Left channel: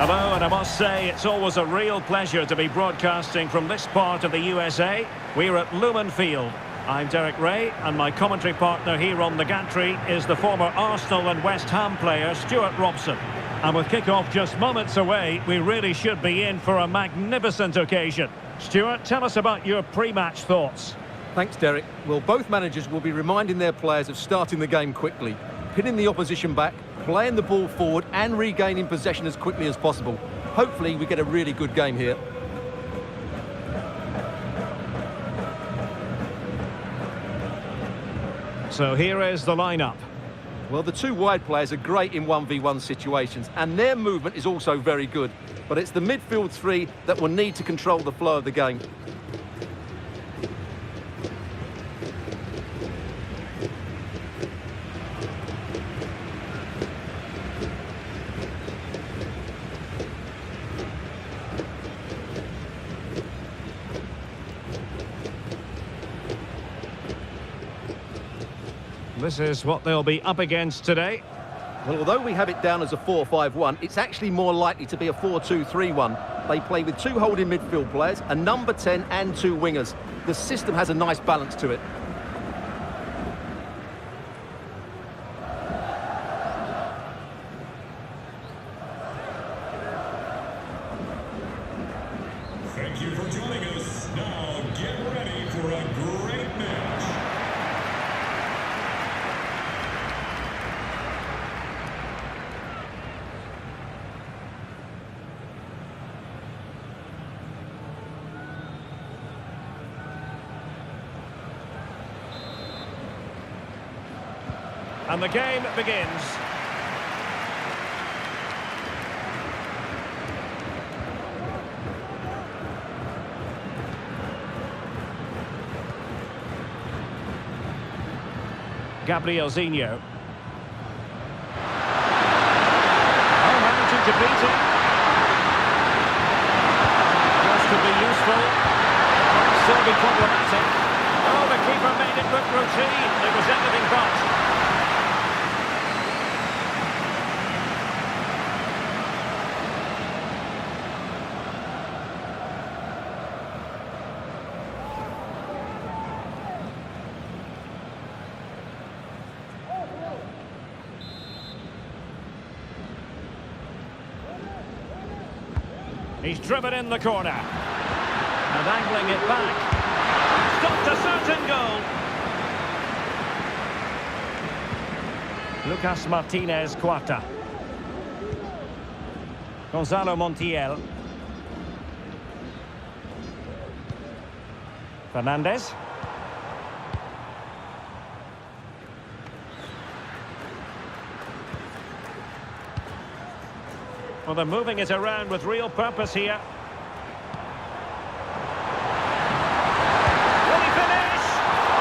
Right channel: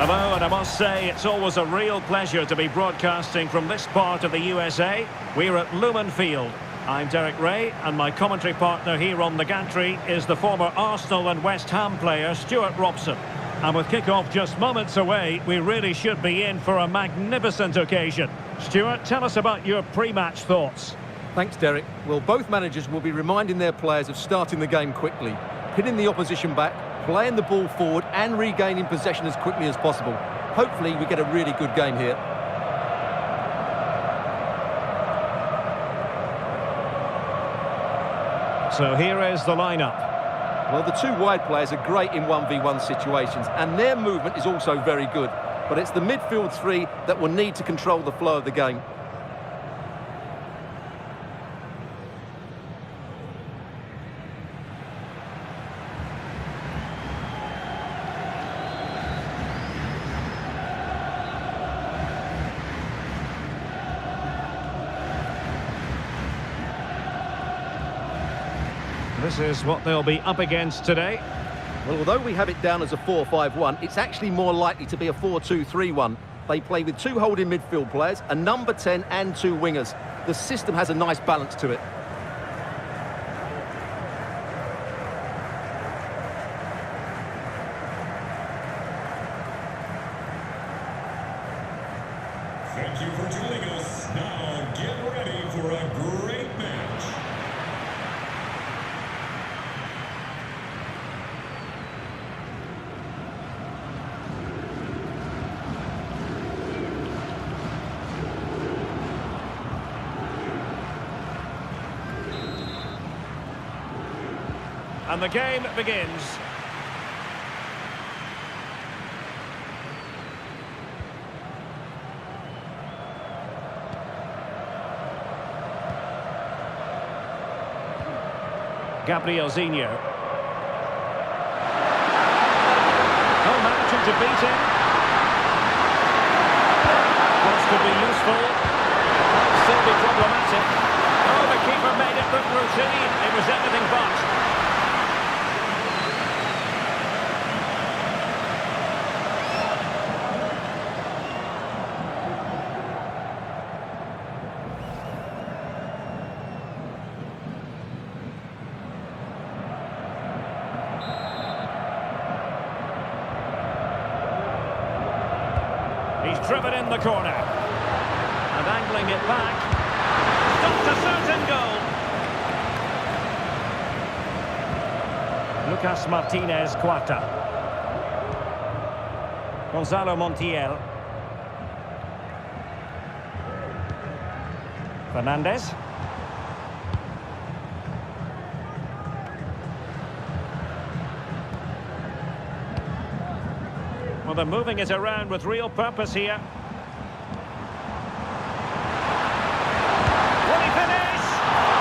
Hello, and I must say it's always a real pleasure to be broadcasting from this part of the USA. We're at Lumen Field. I'm Derek Ray, and my commentary partner here on the gantry is the former Arsenal and West Ham player Stuart Robson. And with kick-off just moments away, we really should be in for a magnificent occasion. Stuart, tell us about your pre-match thoughts. Thanks, Derek. Well, both managers will be reminding their players of starting the game quickly, pinning the opposition back, playing the ball forward and regaining possession as quickly as possible. Hopefully we get a really good game here. So here is the lineup. Well, the two wide players are great in 1v1 situations, and their movement is also very good. But it's the midfield three that will need to control the flow of the game. This is what they'll be up against today. Well, although we have it down as a 4-5-1, it's actually more likely to be a 4-2-3-1. They play with two holding midfield players, a number 10 and two wingers. The system has a nice balance to it. Thank you for joining us. Now get ready for a great match. And the game begins. Gabrielzinho. Oh, managing to beat him. Cross could be useful. It might still be problematic. Oh, the keeper made it look routine. It was anything but. He's driven in the corner. And angling it back. Stopped a certain goal. Lucas Martinez Quarta. Gonzalo Montiel. Fernandez. Well, they're moving it around with real purpose here. Will he finish?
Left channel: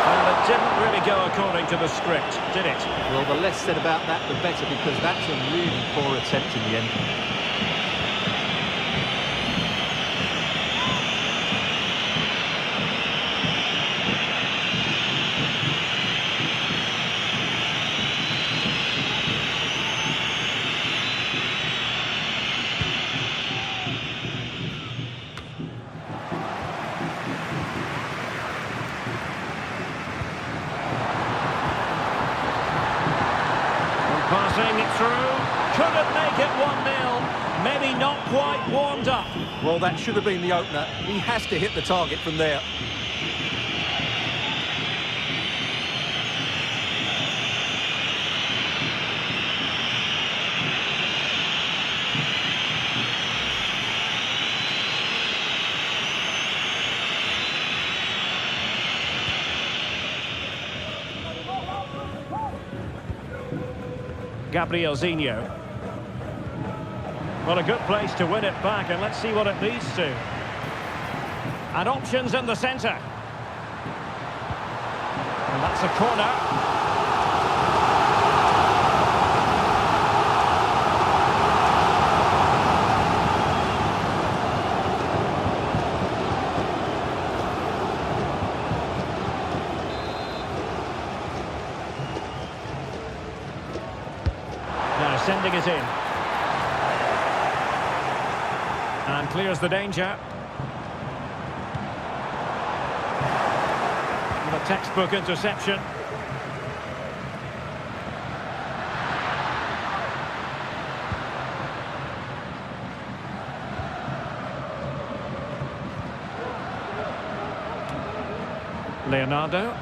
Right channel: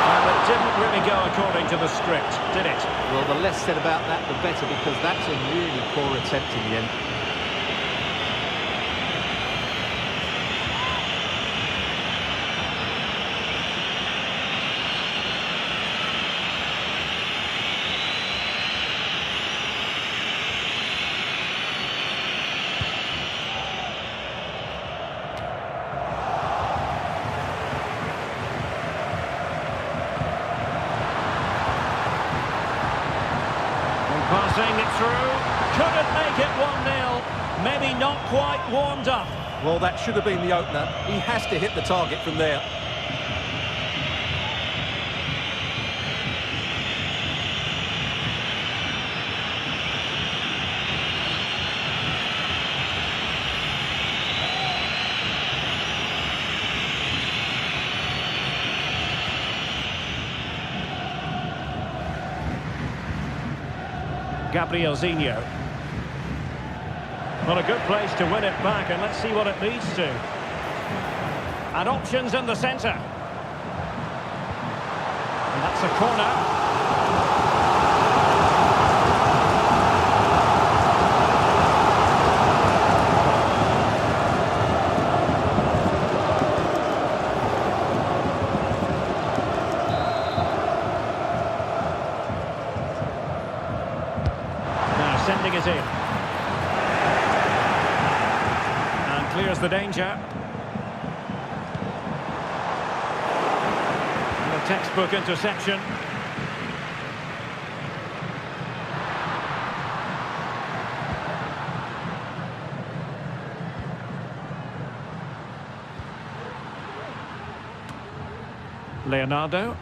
Well, it didn't really go according to the script, did it? Well, the less said about that, the better, because that's a really poor attempt in the end. Passing it through, couldn't make it 1-0, maybe not quite warmed up. Well, that should have been the opener. He has to hit the target from there. Gabrielzinho. Well, a good place to win it back, and let's see what it leads to. And options in the centre. And that's a corner. Now sending it in. And clears the danger. The textbook interception. Leonardo.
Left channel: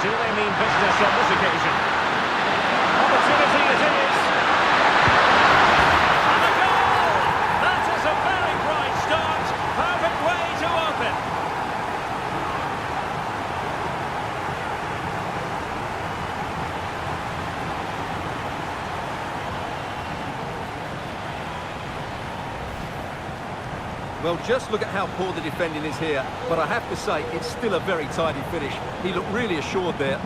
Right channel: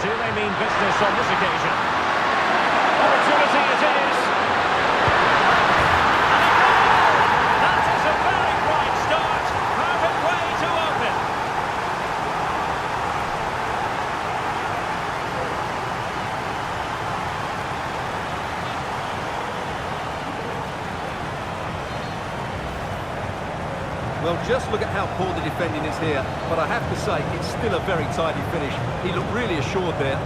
Do they mean business on this occasion? Opportunity it is. And a goal! That is a very bright start. Perfect way to open. Well, just look at how poor the defending is here. But I have to say, it's still a very tidy finish. He looked really assured there.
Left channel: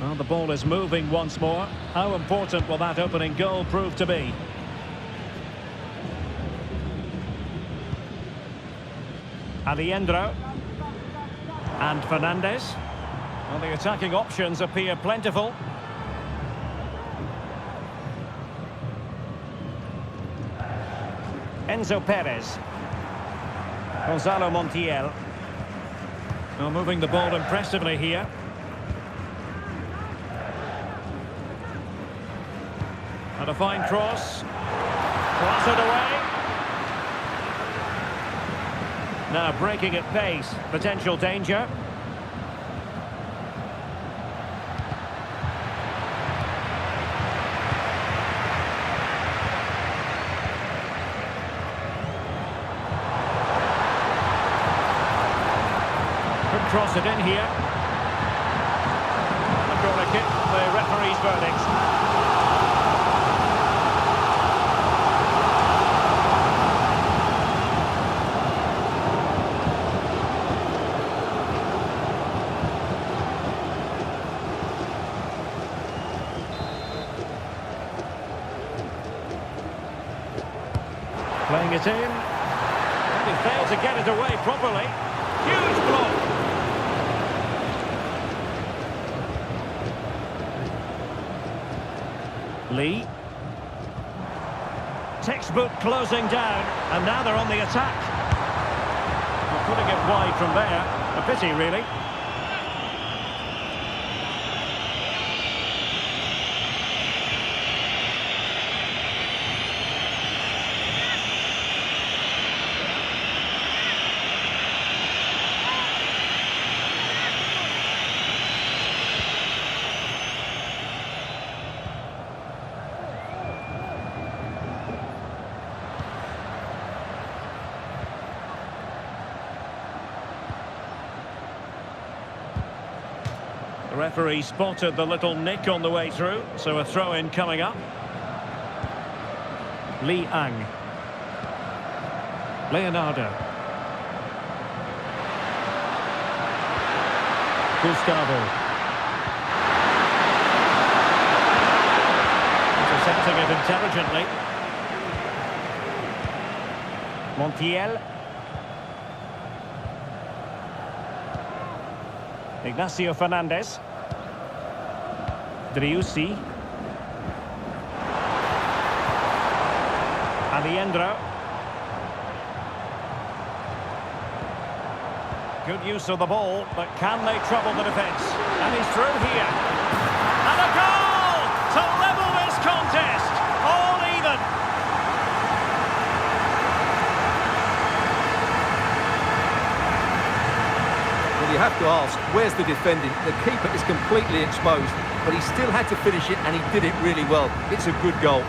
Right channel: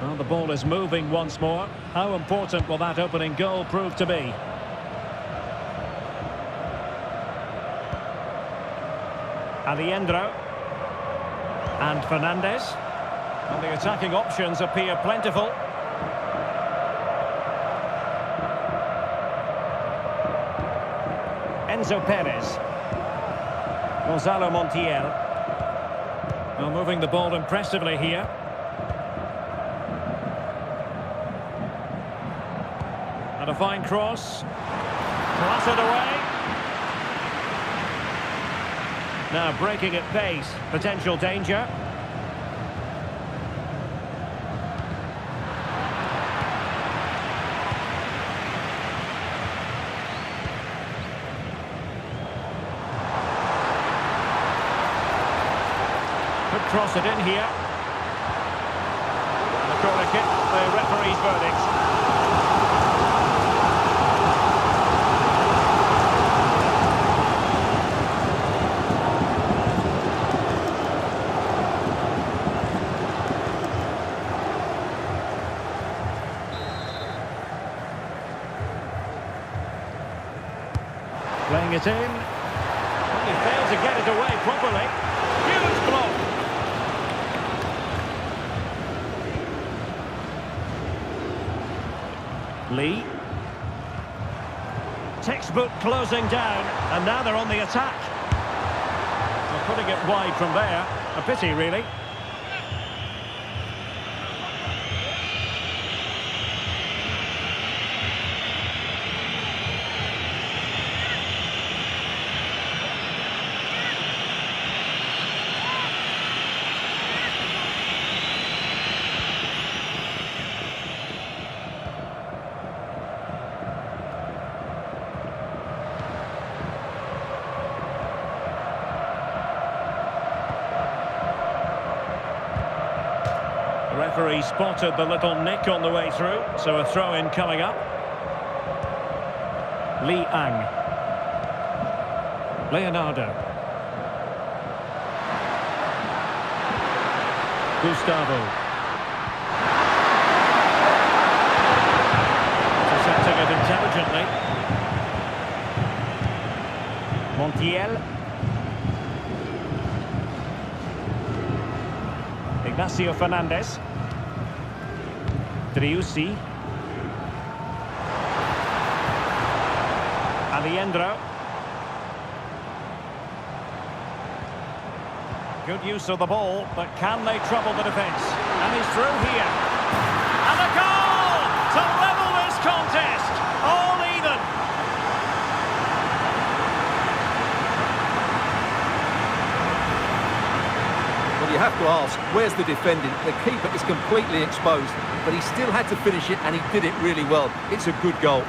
Well, the ball is moving once more. How important will that opening goal prove to be? Aliendro. And Fernandes. Well, the attacking options appear plentiful. Enzo Perez. Gonzalo Montiel. Well, moving the ball impressively here. And a fine cross. Clattered away. Now breaking at pace. Potential danger. Could cross it in here. And the corner kick, the referee's verdict. Playing it in. And he failed to get it away properly. Huge block. Lee. Textbook closing down. And now they're on the attack. Well, putting it wide from there. A pity, really. The referee spotted the little nick on the way through, so a throw-in coming up. Li Ang. Leonardo. Gustavo. Intercepting it intelligently. Montiel. Ignacio Fernandes. Driussi. Aliendro. Good use of the ball, but can they trouble the defence? And he's through here. And a goal to level this contest. All even. Well, you have to ask, where's the defending? The keeper is completely exposed, but he still had to finish it, and he did it really well. It's a good goal.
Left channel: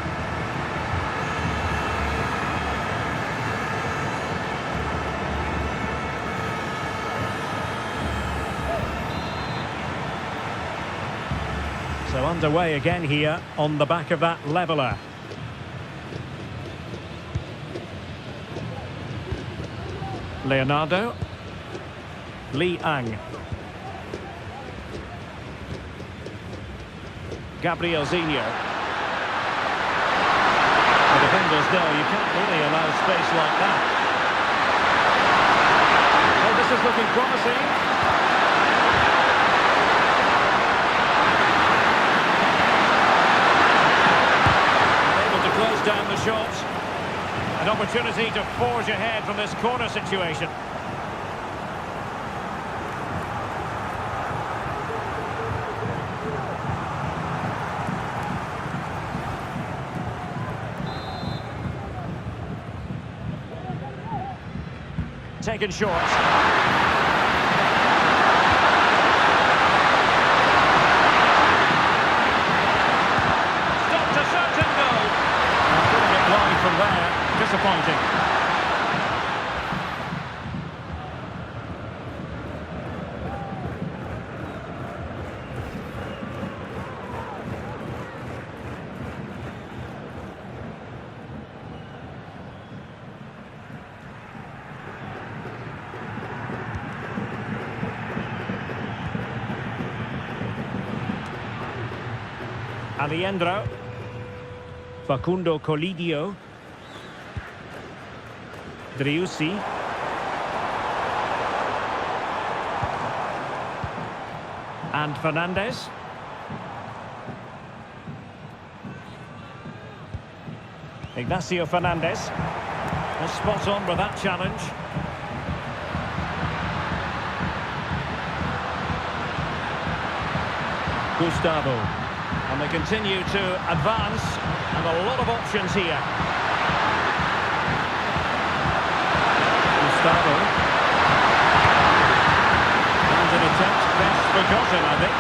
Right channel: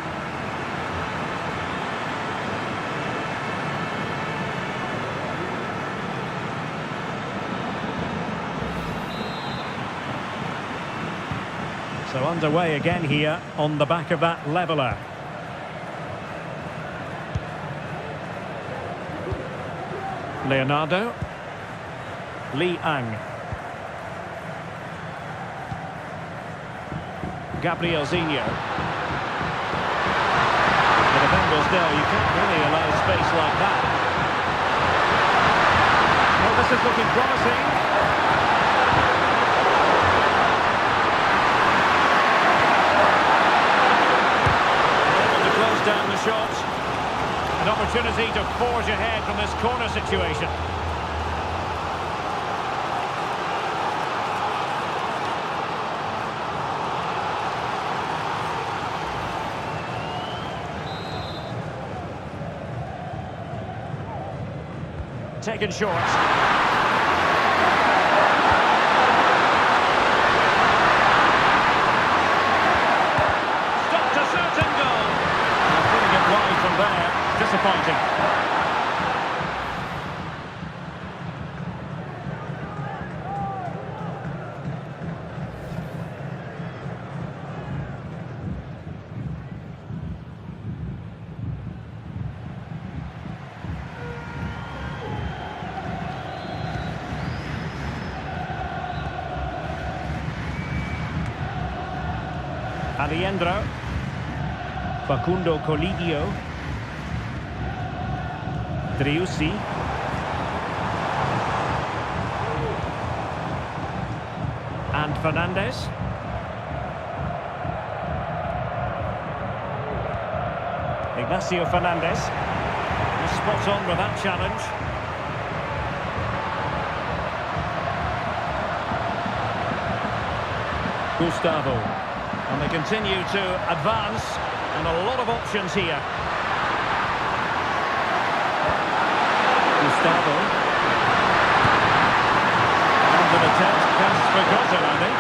So underway again here on the back of that leveller. Leonardo. Li Ang. Gabrielzinho. The defenders know you can't really allow space like that. Oh, this is looking promising. Unable to close down the shot. An opportunity to forge ahead from this corner situation. Taken short. Stopped a certain goal. Now putting it wide from there. Disappointing. Aliendro, Facundo Colidio, Driussi, and Fernandez. Ignacio Fernandez is spot on with that challenge. Gustavo. And they continue to advance, and a lot of options here. Gustavo. And an attempt best forgotten, I think.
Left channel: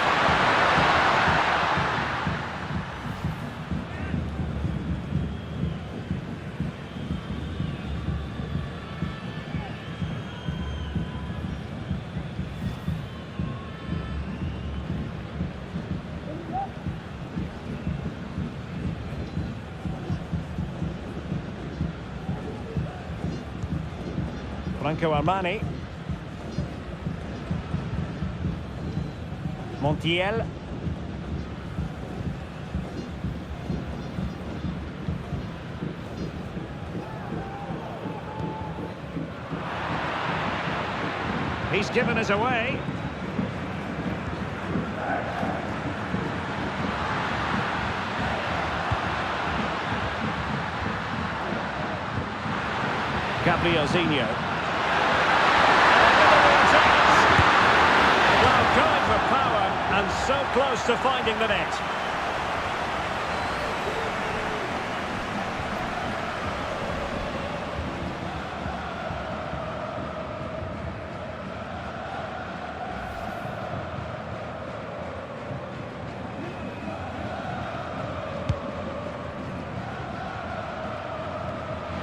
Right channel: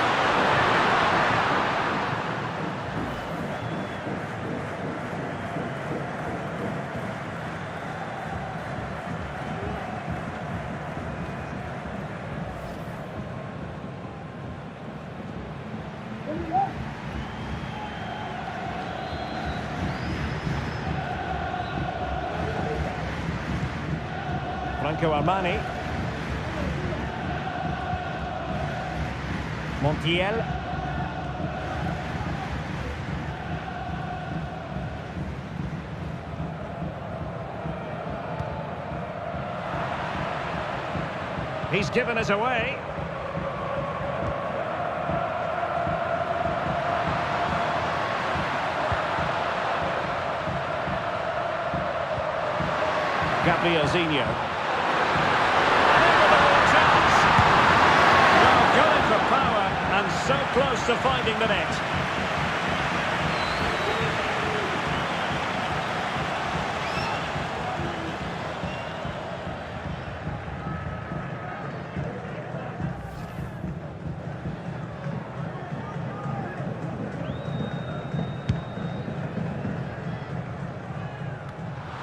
Franco Armani. Montiel. He's given us away. Gabrielzinho. Well, going for power and so close to finding the net.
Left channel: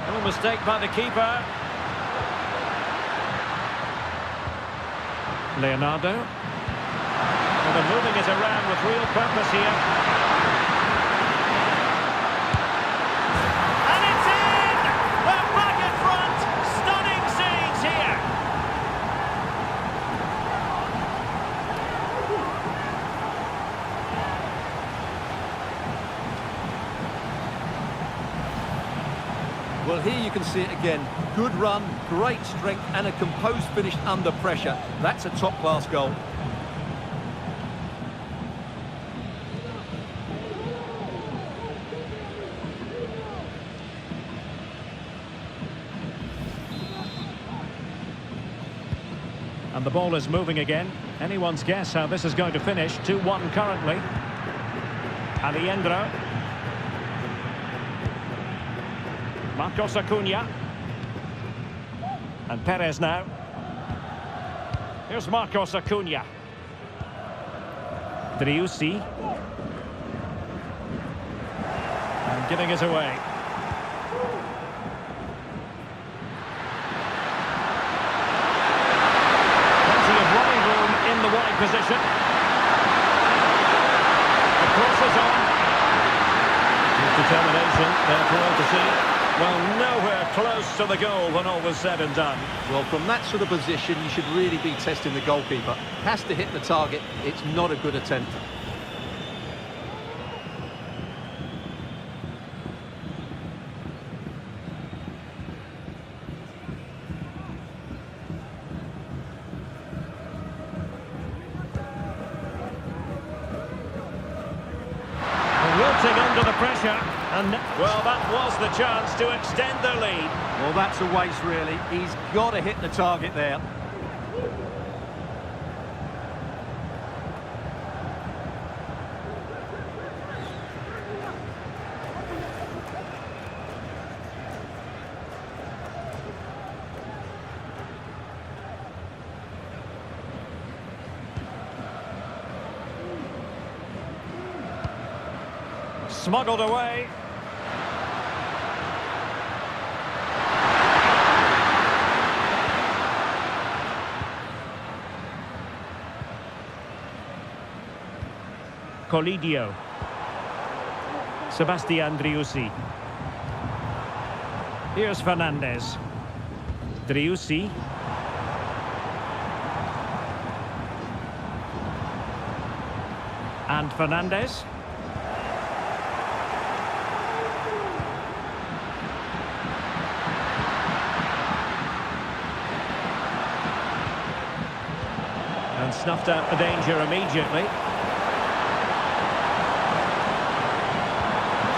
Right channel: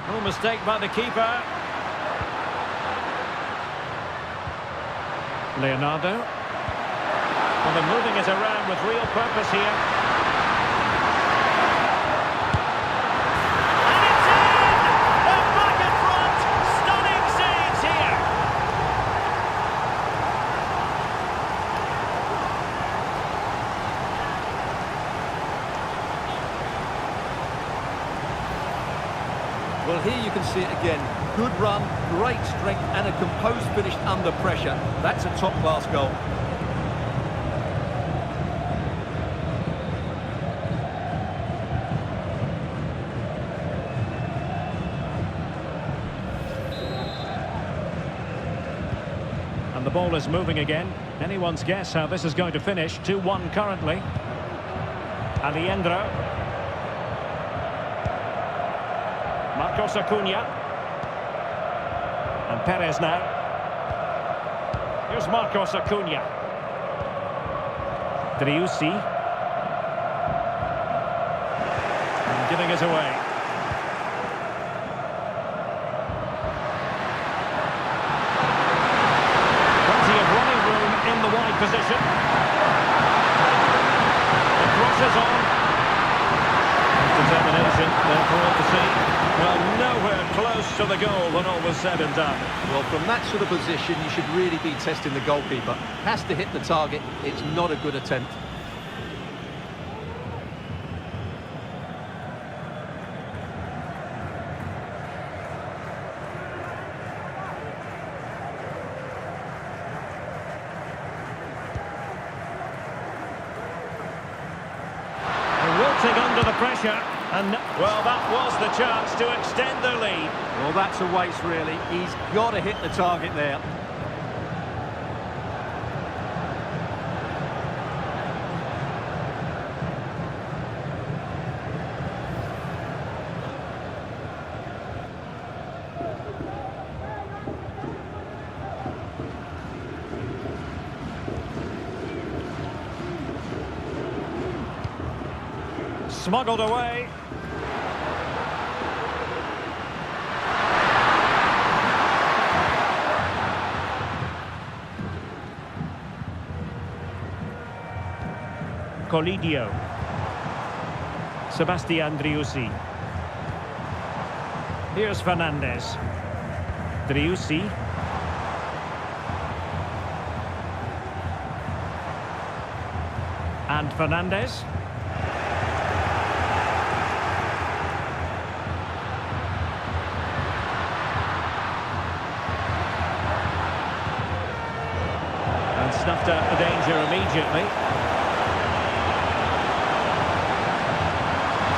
No mistake by the keeper. Leonardo. Well, they're moving it around with real purpose here. And it's in! They're back in front! Stunning scenes here! Well, here you can see it again. Good run, great strength, and a composed finish under pressure. That's a top-class goal. And the ball is moving again. Anyone's guess how this is going to finish. 2-1 currently. Aliendro. Marcos Acuna. And Perez now. Here's Marcos Acuna. Driussi. And giving it away. Plenty of running room in the wide position. The cross is on. With determination there for all to see. Well, nowhere close to the goal when all was said and done. Well, from that sort of position, you should really be testing the goalkeeper. Has to hit the target. It's not a good attempt. wilting under the pressure. And well, that was the chance to extend their lead. Well, that's a waste, really. He's got to hit the target there. Smuggled away. Colidio. Sebastian Driussi. Here's Fernandez. Driussi. And Fernandez. And snuffed out the danger immediately.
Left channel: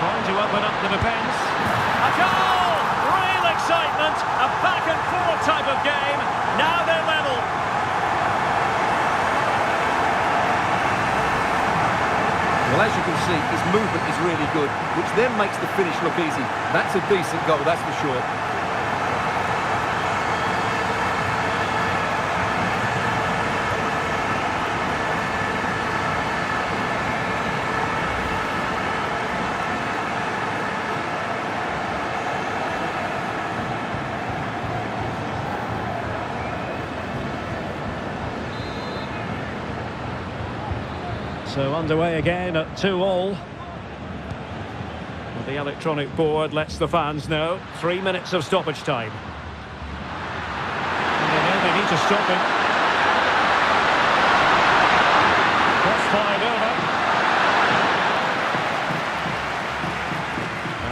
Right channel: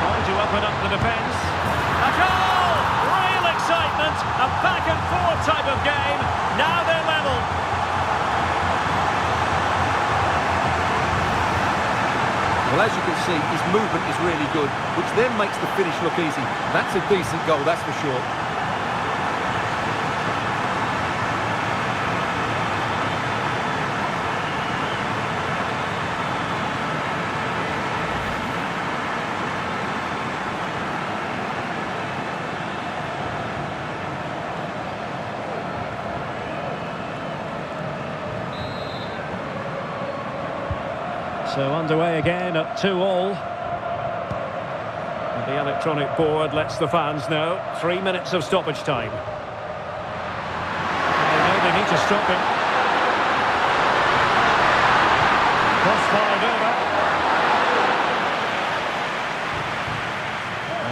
Trying to open up the defence. A goal! Real excitement! A back and forth type of game. Now they're level. Well, as you can see, his movement is really good, which then makes the finish look easy. That's a decent goal, that's for sure. So underway again at 2-2. And the electronic board lets the fans know 3 minutes of stoppage time. And they know they need to stop him. Cross fired over.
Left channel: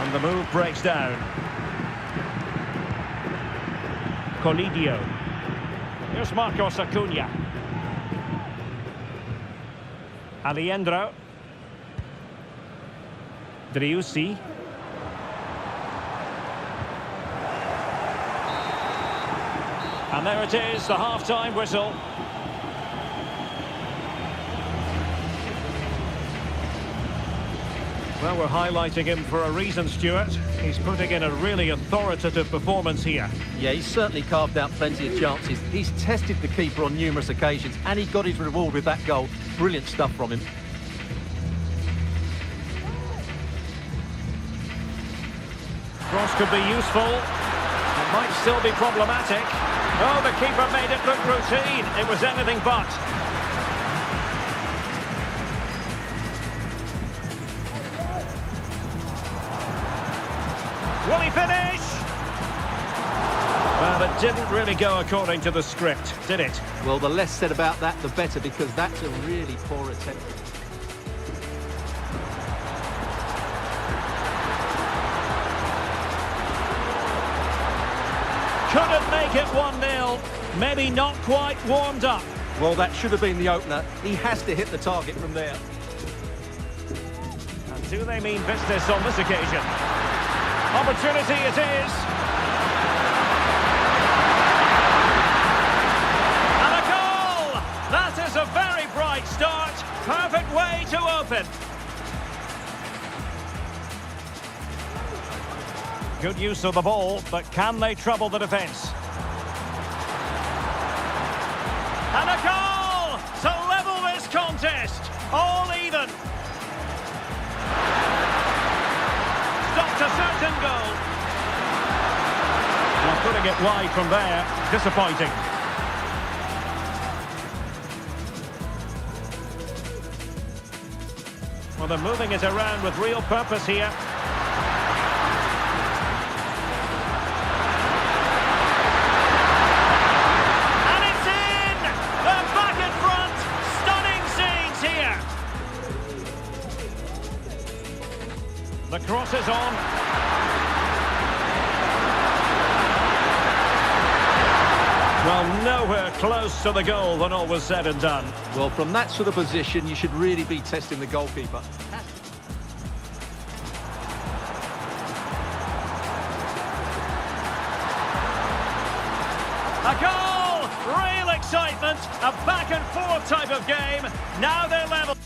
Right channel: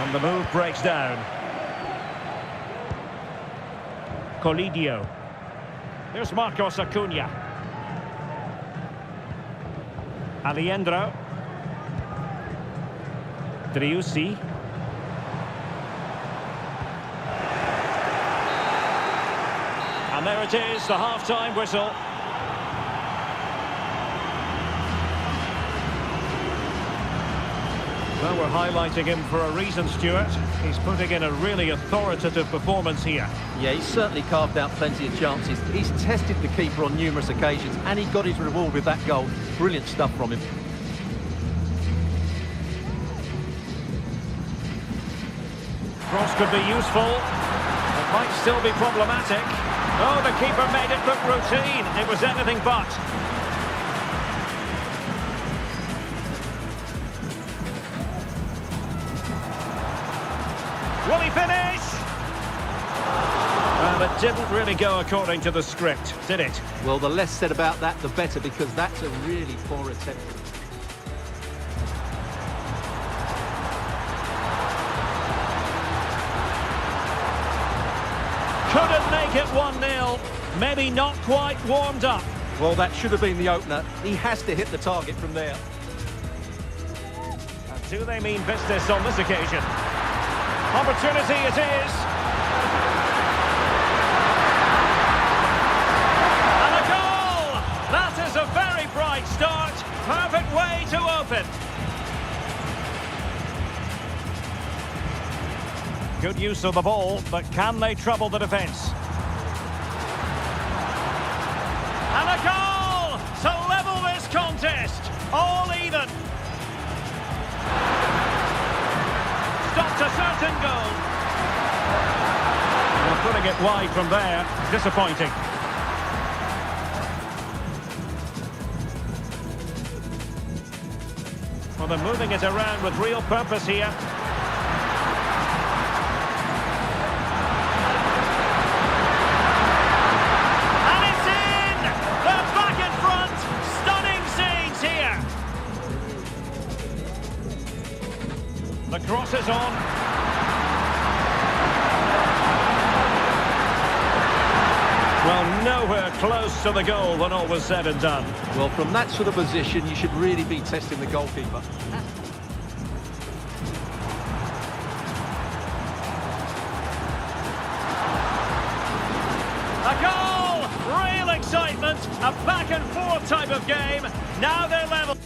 And the move breaks down. Colidio. Here's Marcos Acuna. Aliendro. Driussi. And there it is, the half-time whistle. Well, we're highlighting him for a reason, Stuart. He's putting in a really authoritative performance here. Yeah, he's certainly carved out plenty of chances. He's tested the keeper on numerous occasions, and he got his reward with that goal. Brilliant stuff from him. Cross could be useful. It might still be problematic. Oh, the keeper made it look routine. It was anything but. Will he finish? Well, it didn't really go according to the script, did it? Well, the less said about that, the better, because that's a really poor attempt. Couldn't make it 1-0. Maybe not quite warmed up. Well, that should have been the opener. He has to hit the target from there. And do they mean business on this occasion? Opportunity it is. And a goal! That is a very bright start. Perfect way to open. Good use of the ball, but can they trouble the defence? And a goal to level this contest. All even. Stopped a certain goal. Well, putting it wide from there, disappointing. Well, they're moving it around with real purpose here. And it's in! They're back in front! Stunning scenes here! The cross is on. Well, nowhere close to the goal when all was said and done. Well, from that sort of position, you should really be testing the goalkeeper. stopped. A back and forth type of game. Now they're level.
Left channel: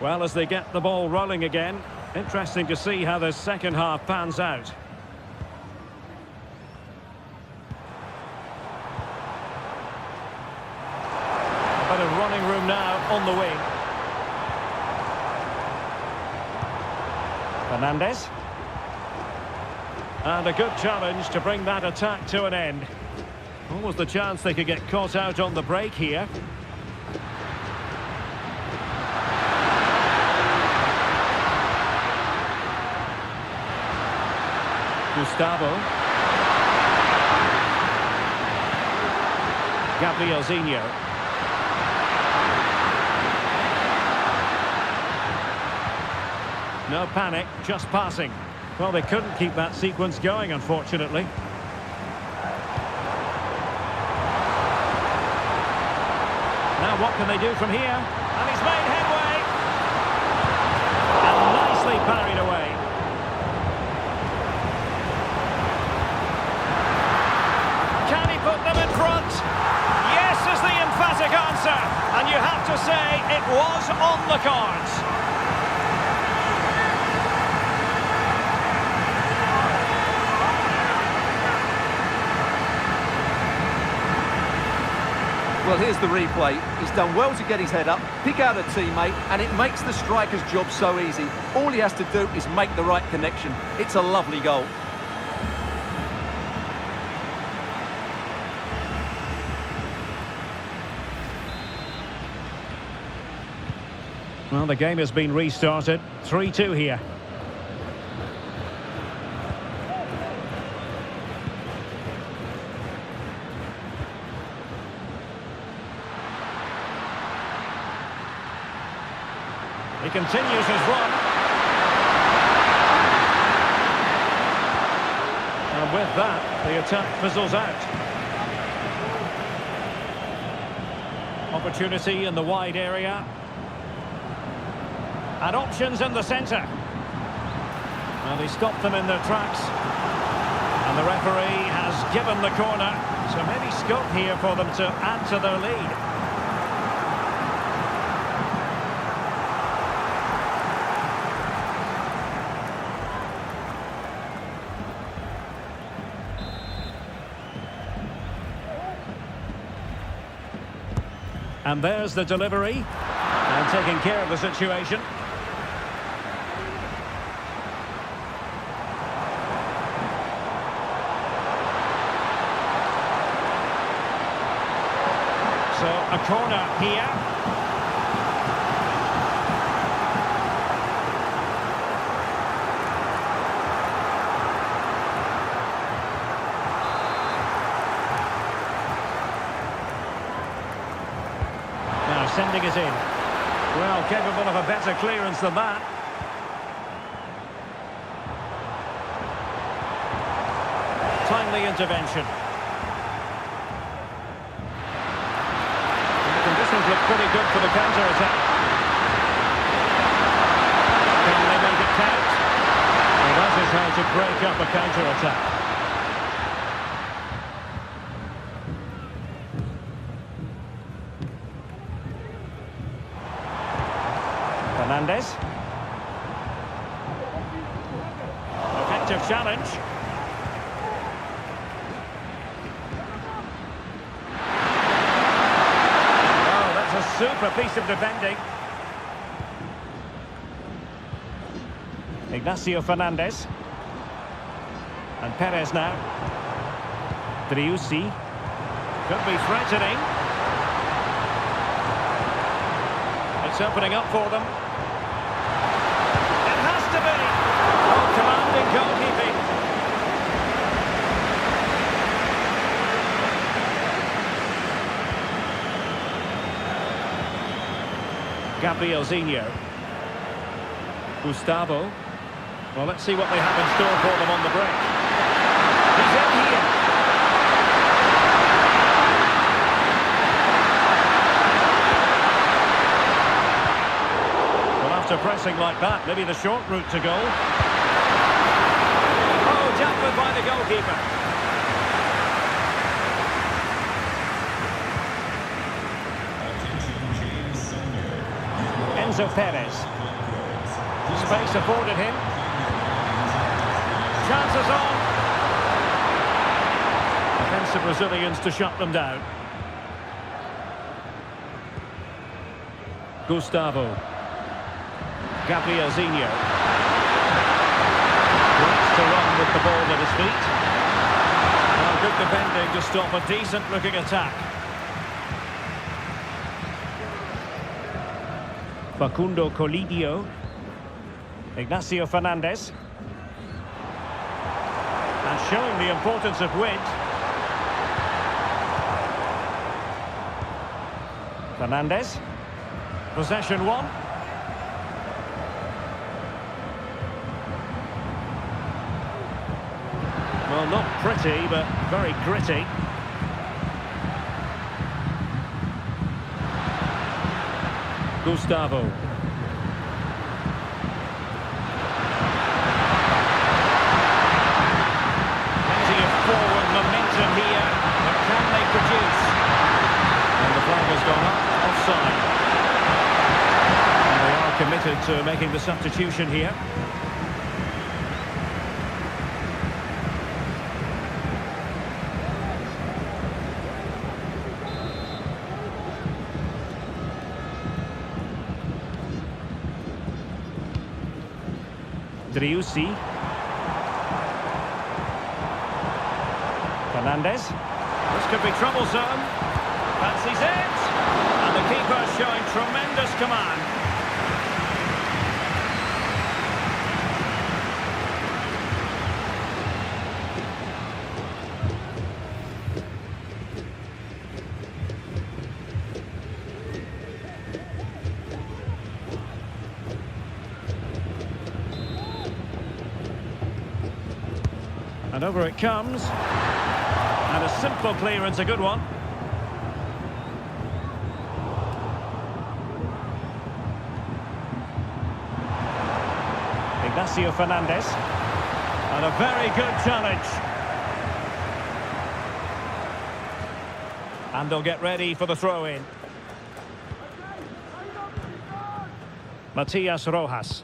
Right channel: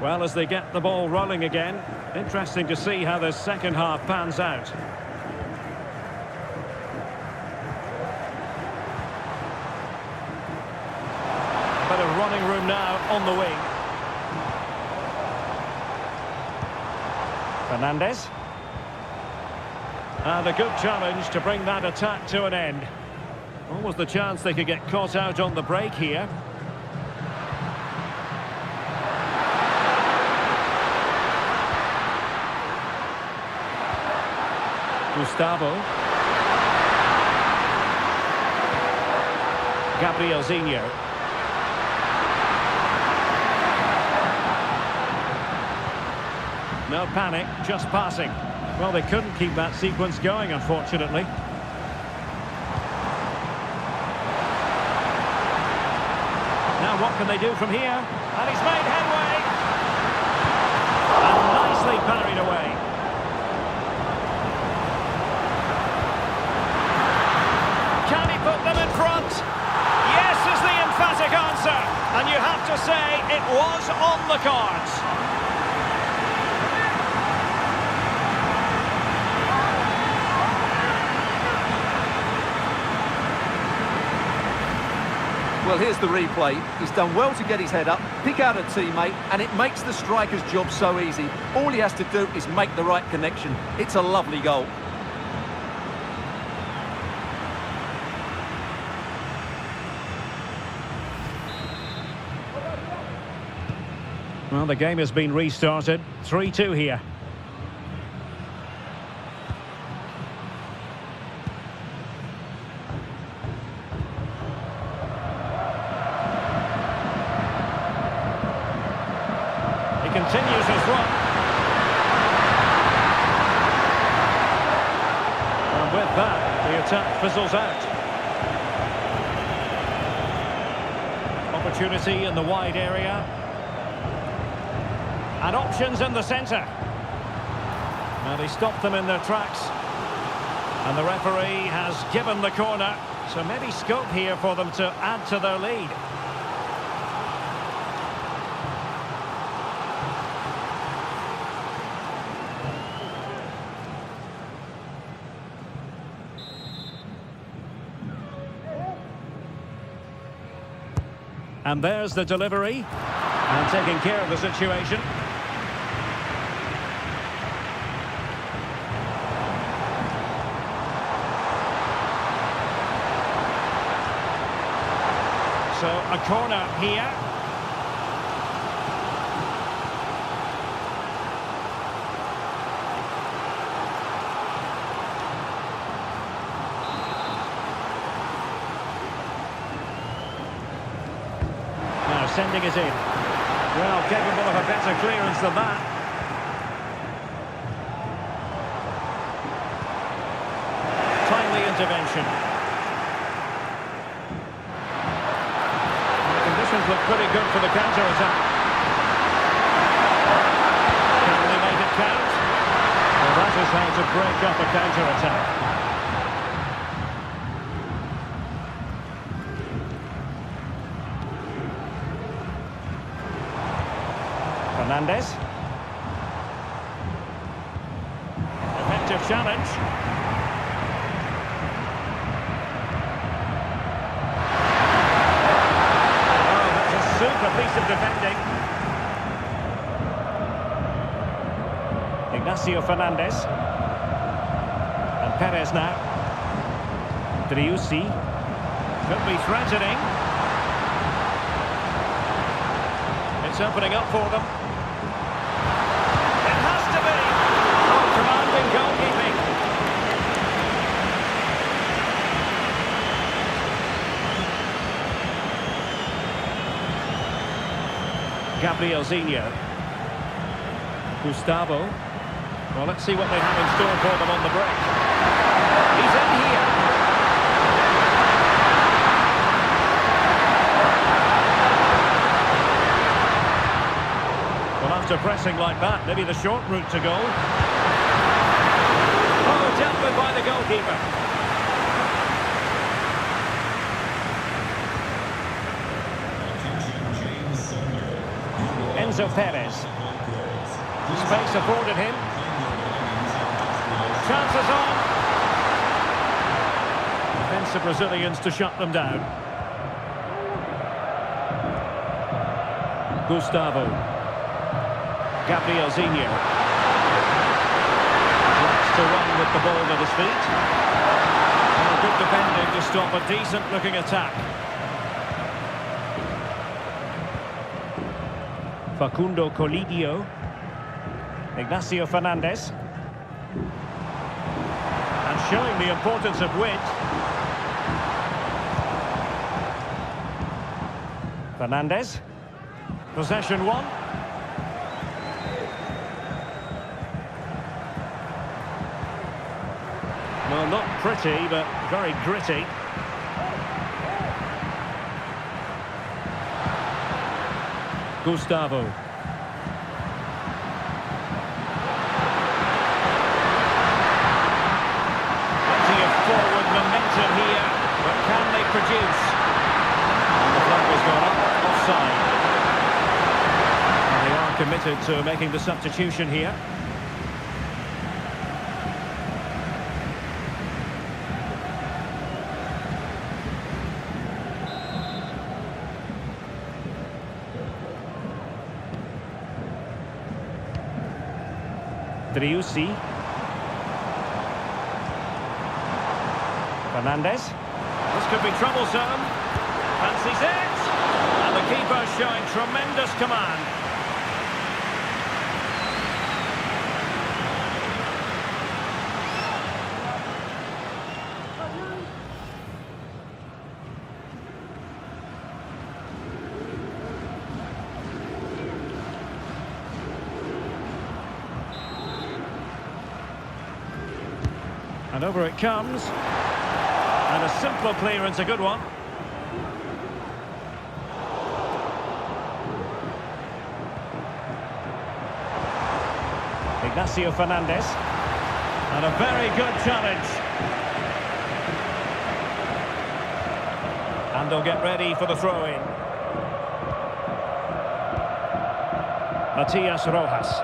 Well, as they get the ball rolling again, interesting to see how the second half pans out. A bit of running room now on the wing. Fernandes. And a good challenge to bring that attack to an end. Almost the chance they could get caught out on the break here. Gustavo. Gabrielzinho. No panic, just passing. Well, they couldn't keep that sequence going, unfortunately. Now what can they do from here? And he's made headway. And nicely parried away. Can he put them in front? Yes is the emphatic answer. And you have to say it was on the cards. Well, here's the replay. He's done well to get his head up, pick out a teammate, and it makes the striker's job so easy. All he has to do is make the right connection. It's a lovely goal. Well, the game has been restarted. 3-2 here. He continues his run. And with that, the attack fizzles out. Opportunity in the wide area. And options in the centre. Well, he stopped them in their tracks. And the referee has given the corner. So maybe scope here for them to add to their lead. And there's the delivery. And taking care of the situation. So a corner here. Now sending it in. Well, capable of a better clearance than that. Timely intervention. And the conditions look pretty good for the counter-attack. Can they make it count? Well, that is how to break up a counter-attack. Fernandes. Effective challenge. Oh, that's a super piece of defending. Ignacio Fernandes. And Perez now. Driussi. Could be threatening. It's opening up for them. To be. Oh, commanding goalkeeping. Gabrielzinho. Gustavo. Well, let's see what they have in store for them on the break. He's in here. Well, after pressing like that, maybe the short route to goal. Oh, dealt with by the goalkeeper. Enzo Perez. Space afforded him. Chances on. Defensive Brazilians to shut them down. Gustavo. Gabrielzinho. Likes to run with the ball at his feet. Well, good defending to stop a decent-looking attack. Facundo Colidio. Ignacio Fernandez. And showing the importance of width. Fernandez. Possession one. Well, not pretty, but very gritty. Gustavo. Plenty of forward momentum here, but can they produce? And the flag has gone up, offside. And they are committed to making the substitution here. Driussi. Fernandez. This could be troublesome. Fancies it. And the keeper showing tremendous command. And over it comes. And a simple clearance, a good one. Ignacio Fernandez. And a very good challenge. And they'll get ready for the throw-in. Matias Rojas.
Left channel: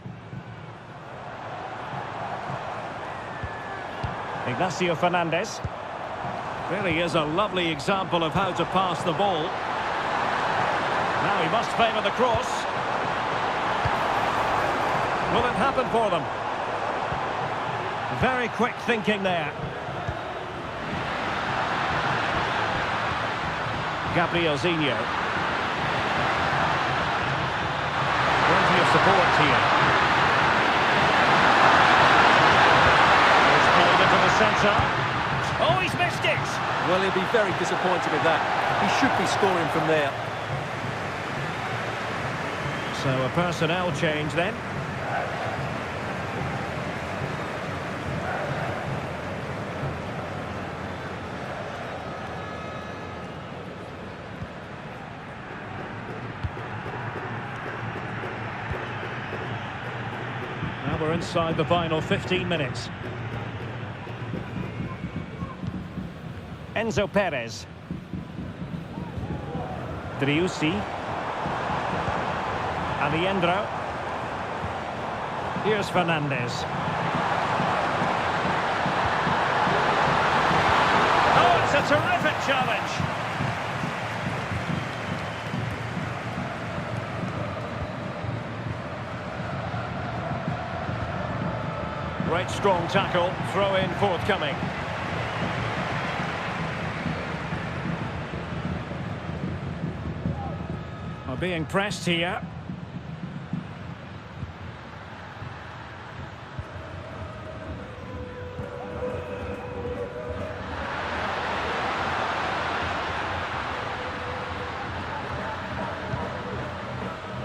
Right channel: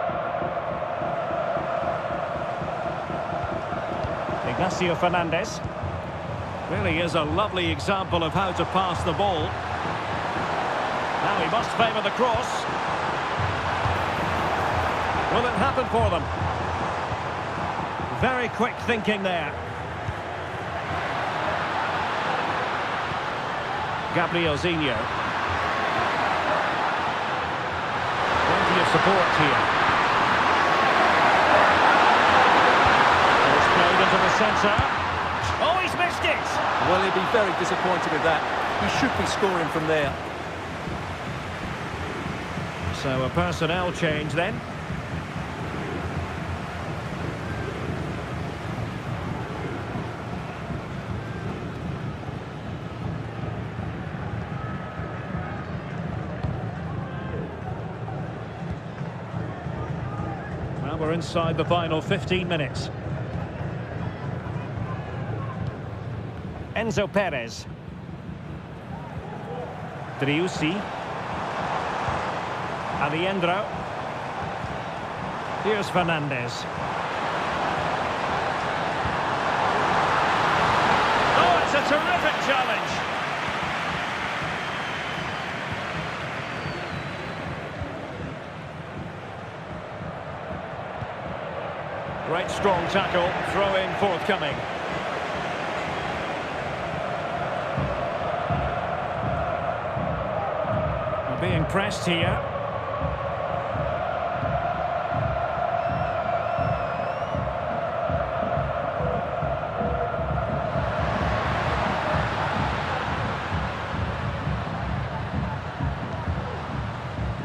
Ignacio Fernandez. Really is a lovely example of how to pass the ball. Now he must favour the cross. Will it happen for them? Very quick thinking there. Gabrielzinho. Plenty of support here. Played into the centre. Oh, he's missed it! Well, he'll be very disappointed with that. He should be scoring from there. So a personnel change then. Now we're inside the final 15 minutes. Enzo Perez. Driussi. Aliendro. Here's Fernandez. Oh, it's a terrific challenge. Great strong tackle, throw in forthcoming. Being pressed here.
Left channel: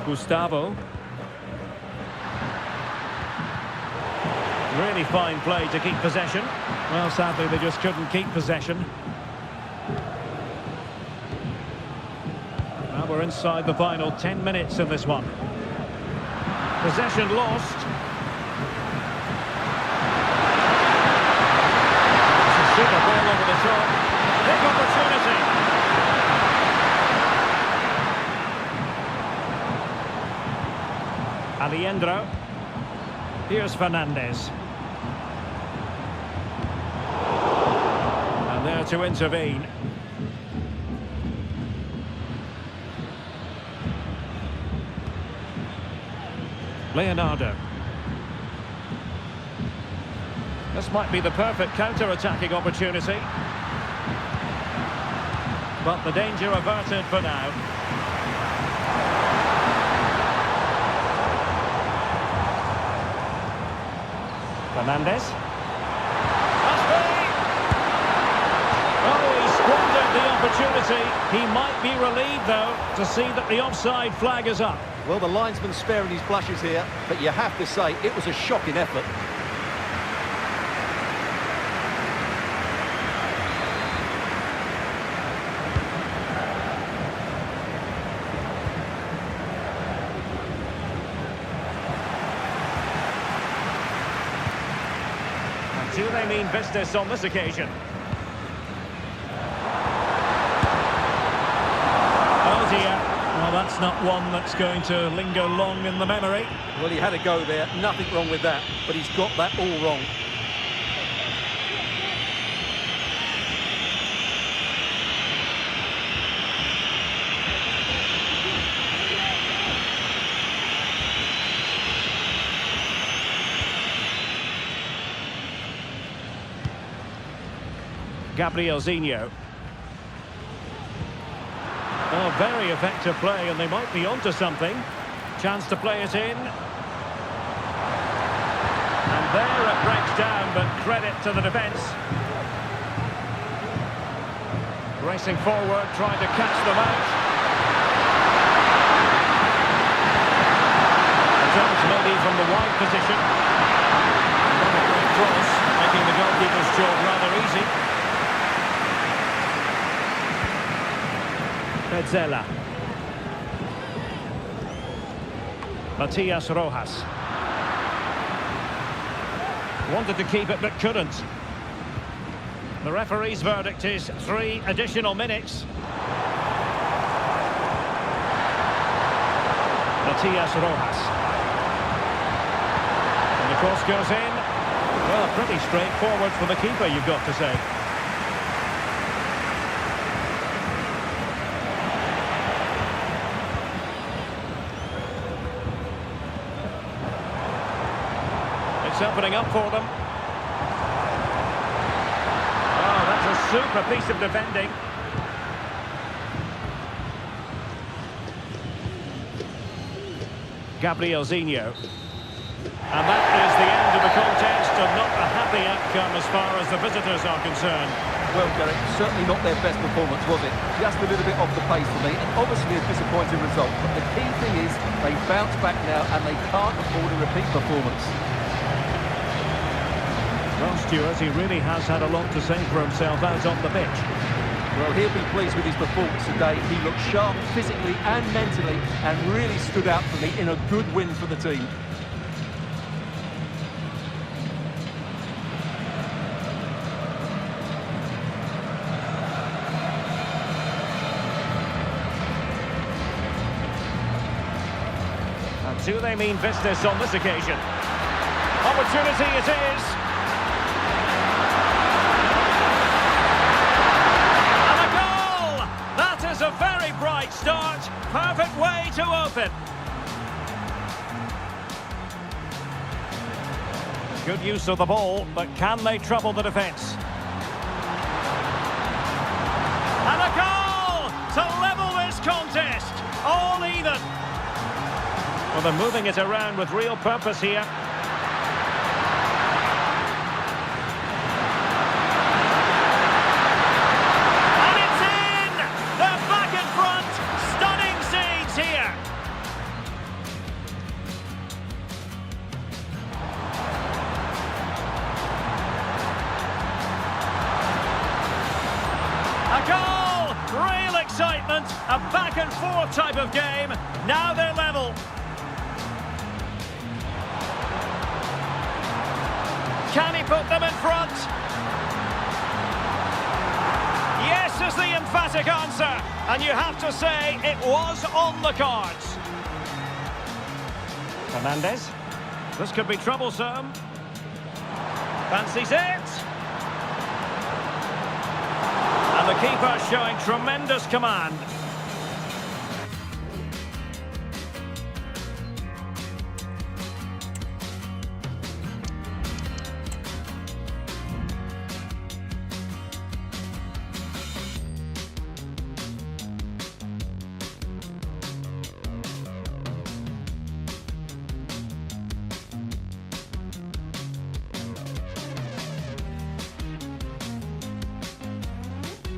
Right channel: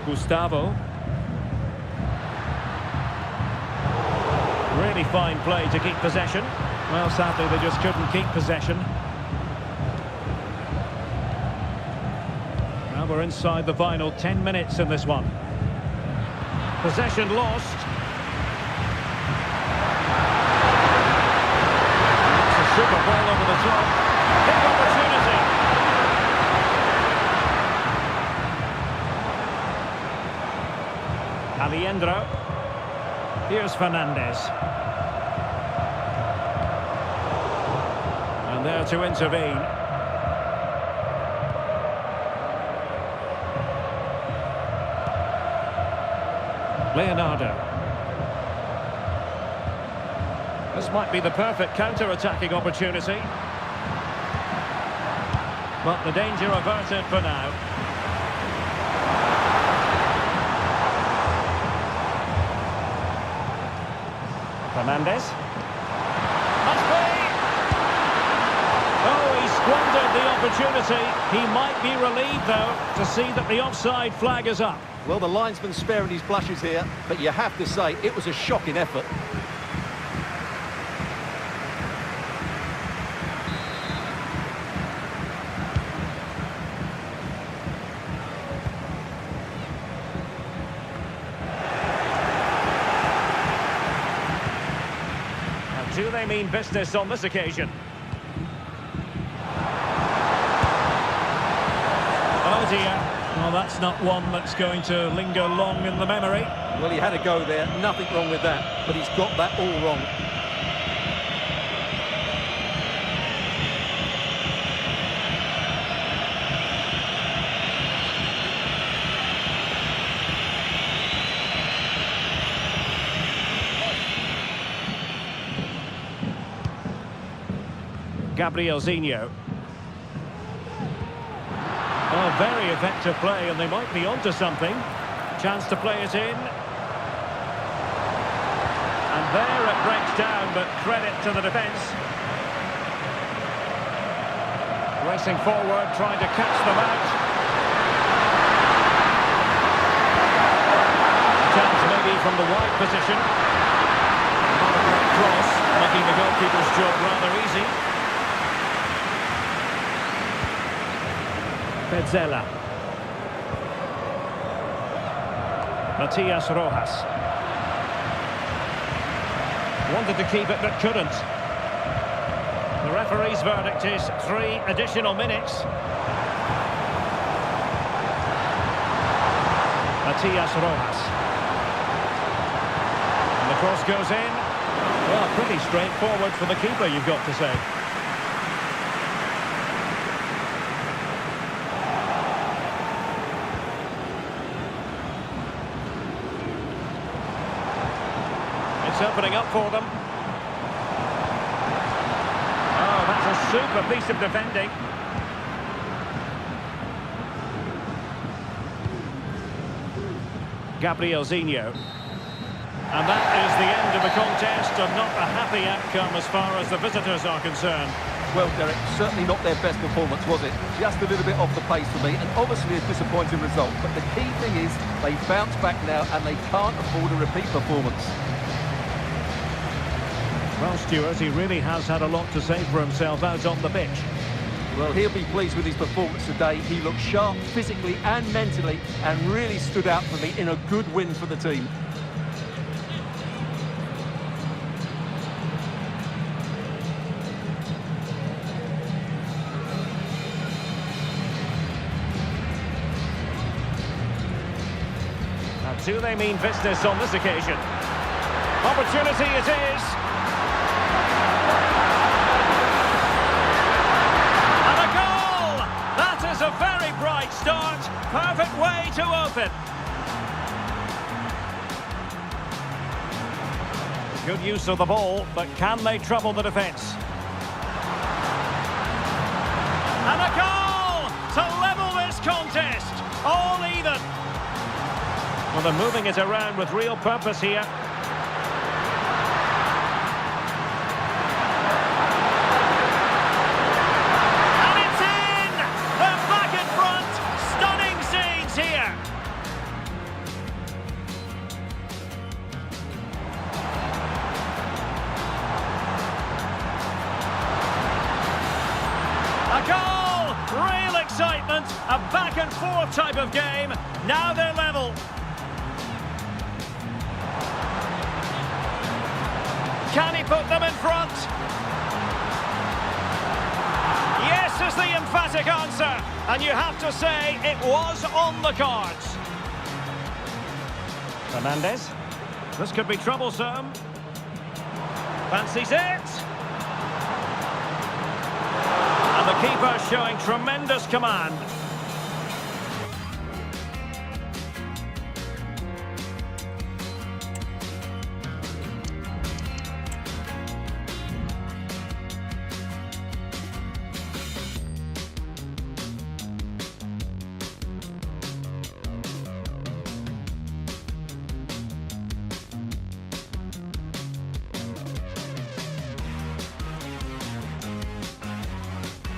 Gustavo. Really fine play to keep possession. Well, sadly, they just couldn't keep possession. Well, we're inside the final 10 minutes in this one. Possession lost. It's a super ball over the top. Big opportunity. Alejandro. Here's Fernandez. And there to intervene. Leonardo. This might be the perfect counter-attacking opportunity. But the danger averted for now. Fernandez. Must be! Oh, he squandered the opportunity. He might be relieved, though, to see that the offside flag is up. Well, the linesman's sparing his blushes here, but you have to say it was a shocking effort. Do they mean business on this occasion? Oh dear. Well, that's not one that's going to linger long in the memory. Well, he had a go there. Nothing wrong with that. But he's got that all wrong. Gabrielzinho. Oh, very effective play, and they might be onto something. Chance to play it in. And there it breaks down, but credit to the defence. Racing forward, trying to catch them out. A chance maybe from the wide position. Not a great cross, making the goalkeeper's job rather easy. Petzela. Matias Rojas. Wanted to keep it but couldn't. The referee's verdict is 3 additional minutes. Matias Rojas. And the cross goes in. Well, pretty straightforward for the keeper, you've got to say. It's opening up for them. Oh, that's a super piece of defending. Gabrielzinho. And that is the end of the contest, and not a happy outcome as far as the visitors are concerned. Well, Derek, certainly not their best performance, was it? Just a little bit off the pace for me, and obviously a disappointing result. But the key thing is they bounce back now, and they can't afford a repeat performance. Well, Stuart, he really has had a lot to say for himself out on the pitch. Well, he'll be pleased with his performance today. He looked sharp physically and mentally and really stood out for me in a good win for the team. And do they mean business on this occasion? Opportunity it is. Is a very bright start, perfect way to open. Good use of the ball, but can they trouble the defence? And a goal to level this contest, all even. Well, they're moving it around with real purpose here. A goal! Real excitement. A back and forth type of game. Now they're level. Can he put them in front? Yes is the emphatic answer. And you have to say it was on the cards. Fernandez. This could be troublesome. Fancies it. And the keeper showing tremendous command.